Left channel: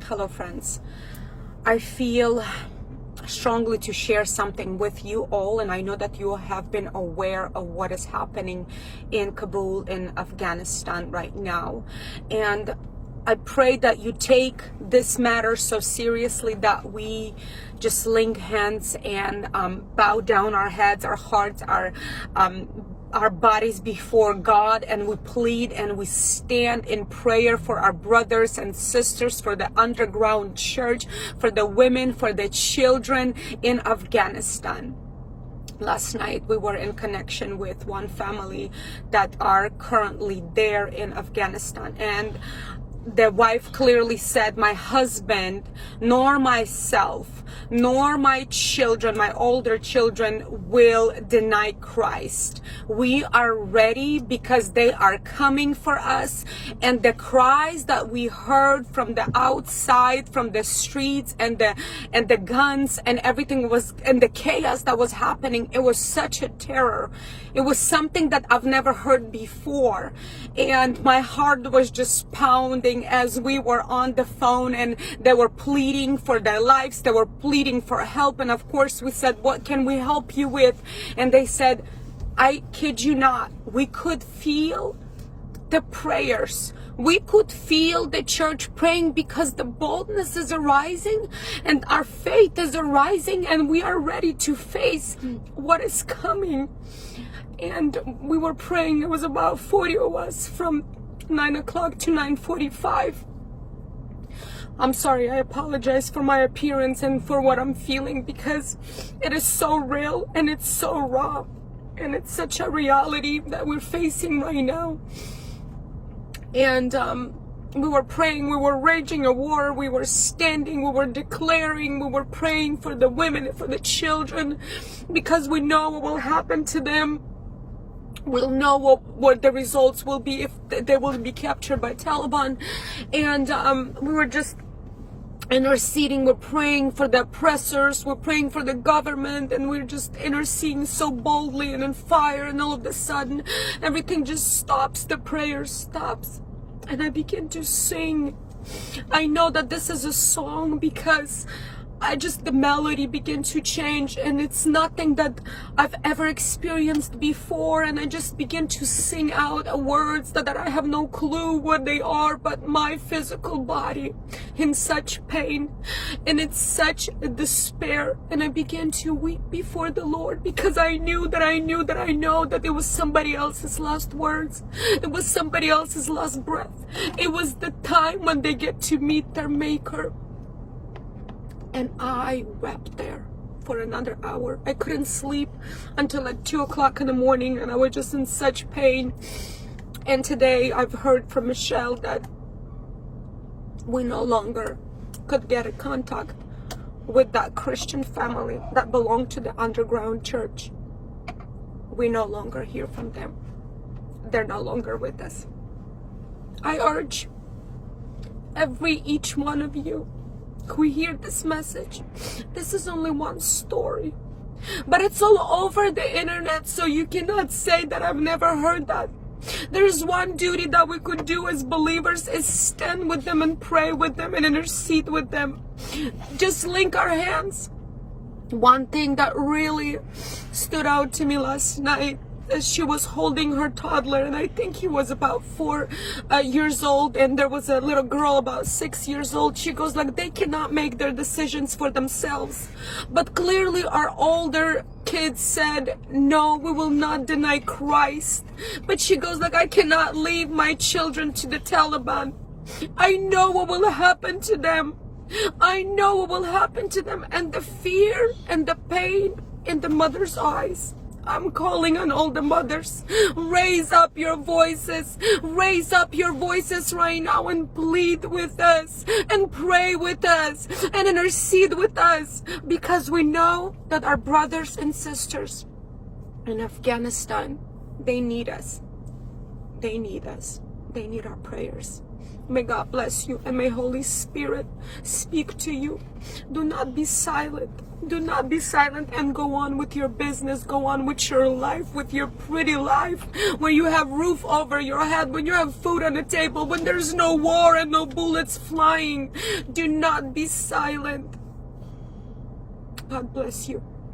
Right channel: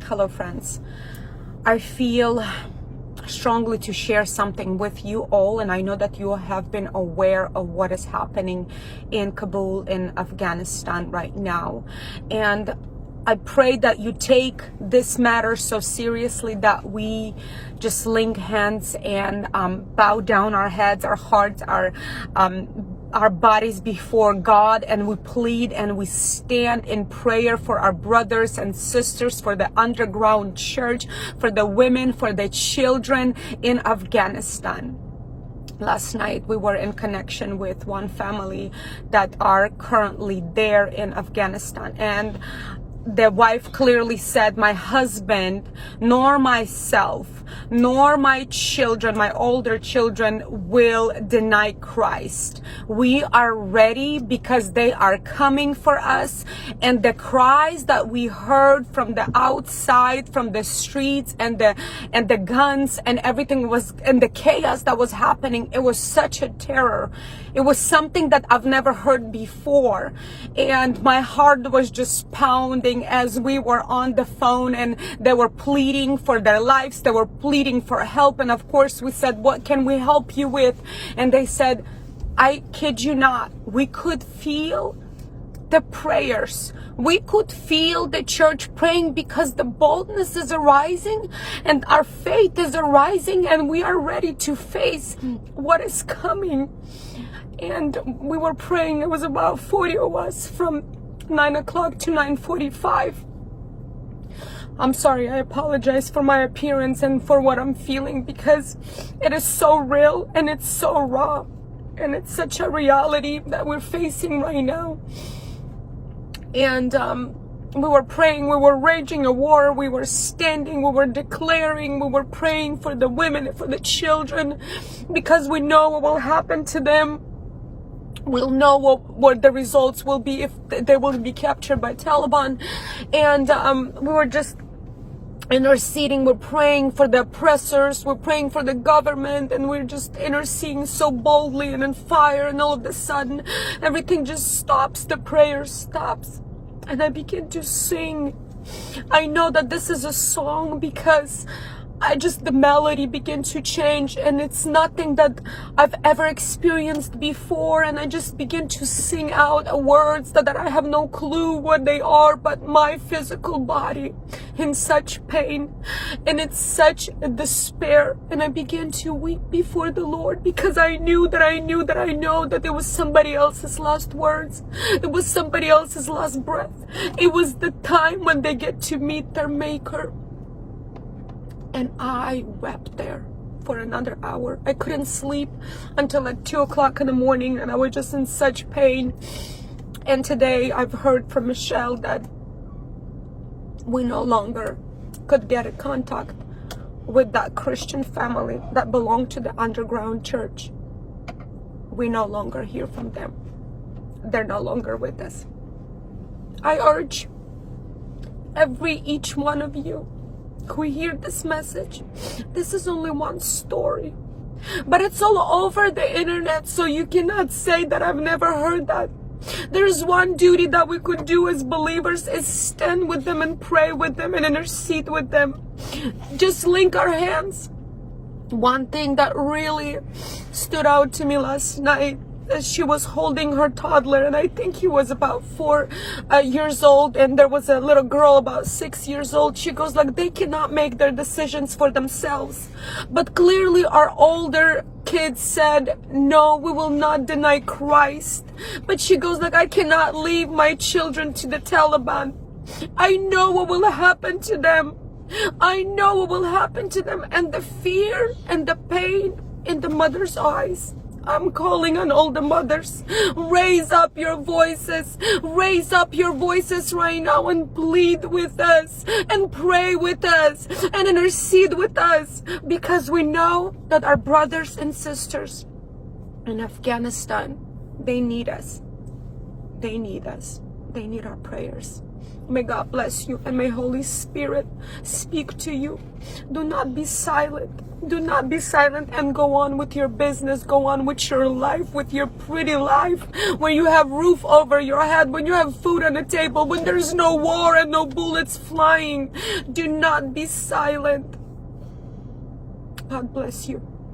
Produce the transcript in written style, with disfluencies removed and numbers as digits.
Hello friends, I feel strongly to share something with you all, and I know that you have been aware of what is happening in Kabul in Afghanistan right now, and I pray that you take this matter so seriously that we just link hands and bow down our heads, our hearts, our bodies before God, and we plead and we stand in prayer for our brothers and sisters, for the underground church, for the women, for the children in Afghanistan. Last night we were in connection with one family that are currently there in Afghanistan, and the wife clearly said, my husband, nor myself, nor my children, my older children, will deny Christ. We are ready because they are coming for us. And the cries that we heard from the outside, from the streets, and the guns and everything was, and the chaos that was happening, it was such a terror. It was something that I've never heard before. And my heart was just pounding as we were on the phone, and they were pleading for their lives. They were pleading for help. And of course we said, what can we help you with? And they said, I kid you not, we could feel the prayers. We could feel the church praying because the boldness is arising and our faith is arising, and we are ready to face what is coming. And we were praying. It was about 40 of us from 9 o'clock to 9:45. I'm sorry, I apologize for my appearance and for what I'm feeling, because it is so real and it's so raw, and it's such a reality that we're facing right now. And we were praying, we were raging a war, we were standing, we were declaring, we were praying for the women and for the children, because we know what will happen to them. We'll know what the results will be if they will be captured by Taliban. And we were just interceding. We're praying for the oppressors, we're praying for the government, and we're just interceding so boldly and in fire. And all of a sudden everything just stops, the prayer stops, and I begin to sing. I know that this is a song because the melody began to change, and it's nothing that I've ever experienced before. And I just begin to sing out words that I have no clue what they are, but my physical body in such pain and it's such a despair. And I began to weep before the Lord, because I know that it was somebody else's last words. It was somebody else's last breath. It was the time when they get to meet their Maker. And I wept there for another hour. I couldn't sleep until like 2 o'clock in the morning, and I was just in such pain. And today I've heard from Michelle that we no longer could get in contact with that Christian family that belonged to the underground church. We no longer hear from them. They're no longer with us. I urge each one of you who hear this message, this is only one story, but it's all over the internet, so you cannot say that I've never heard that. There's one duty that we could do as believers, is stand with them and pray with them and intercede with them. Just link our hands. One thing that really stood out to me last night, as she was holding her toddler, and I think he was about 4 years old, and there was a little girl about 6 years old. She goes like, they cannot make their decisions for themselves. But clearly our older kids said, no, we will not deny Christ. But she goes like, I cannot leave my children to the Taliban. I know what will happen to them. I know what will happen to them. And the fear and the pain in the mother's eyes. I'm calling on all the mothers. Raise up your voices. Raise up your voices right now and plead with us and pray with us and intercede with us, because we know that our brothers and sisters in Afghanistan, they need us. They need us. They need our prayers. May God bless you and may Holy Spirit speak to you. Do not be silent. Do not be silent and go on with your business. Go on with your life, with your pretty life. When you have roof over your head, when you have food on the table, when there's no war and no bullets flying. Do not be silent. God bless you.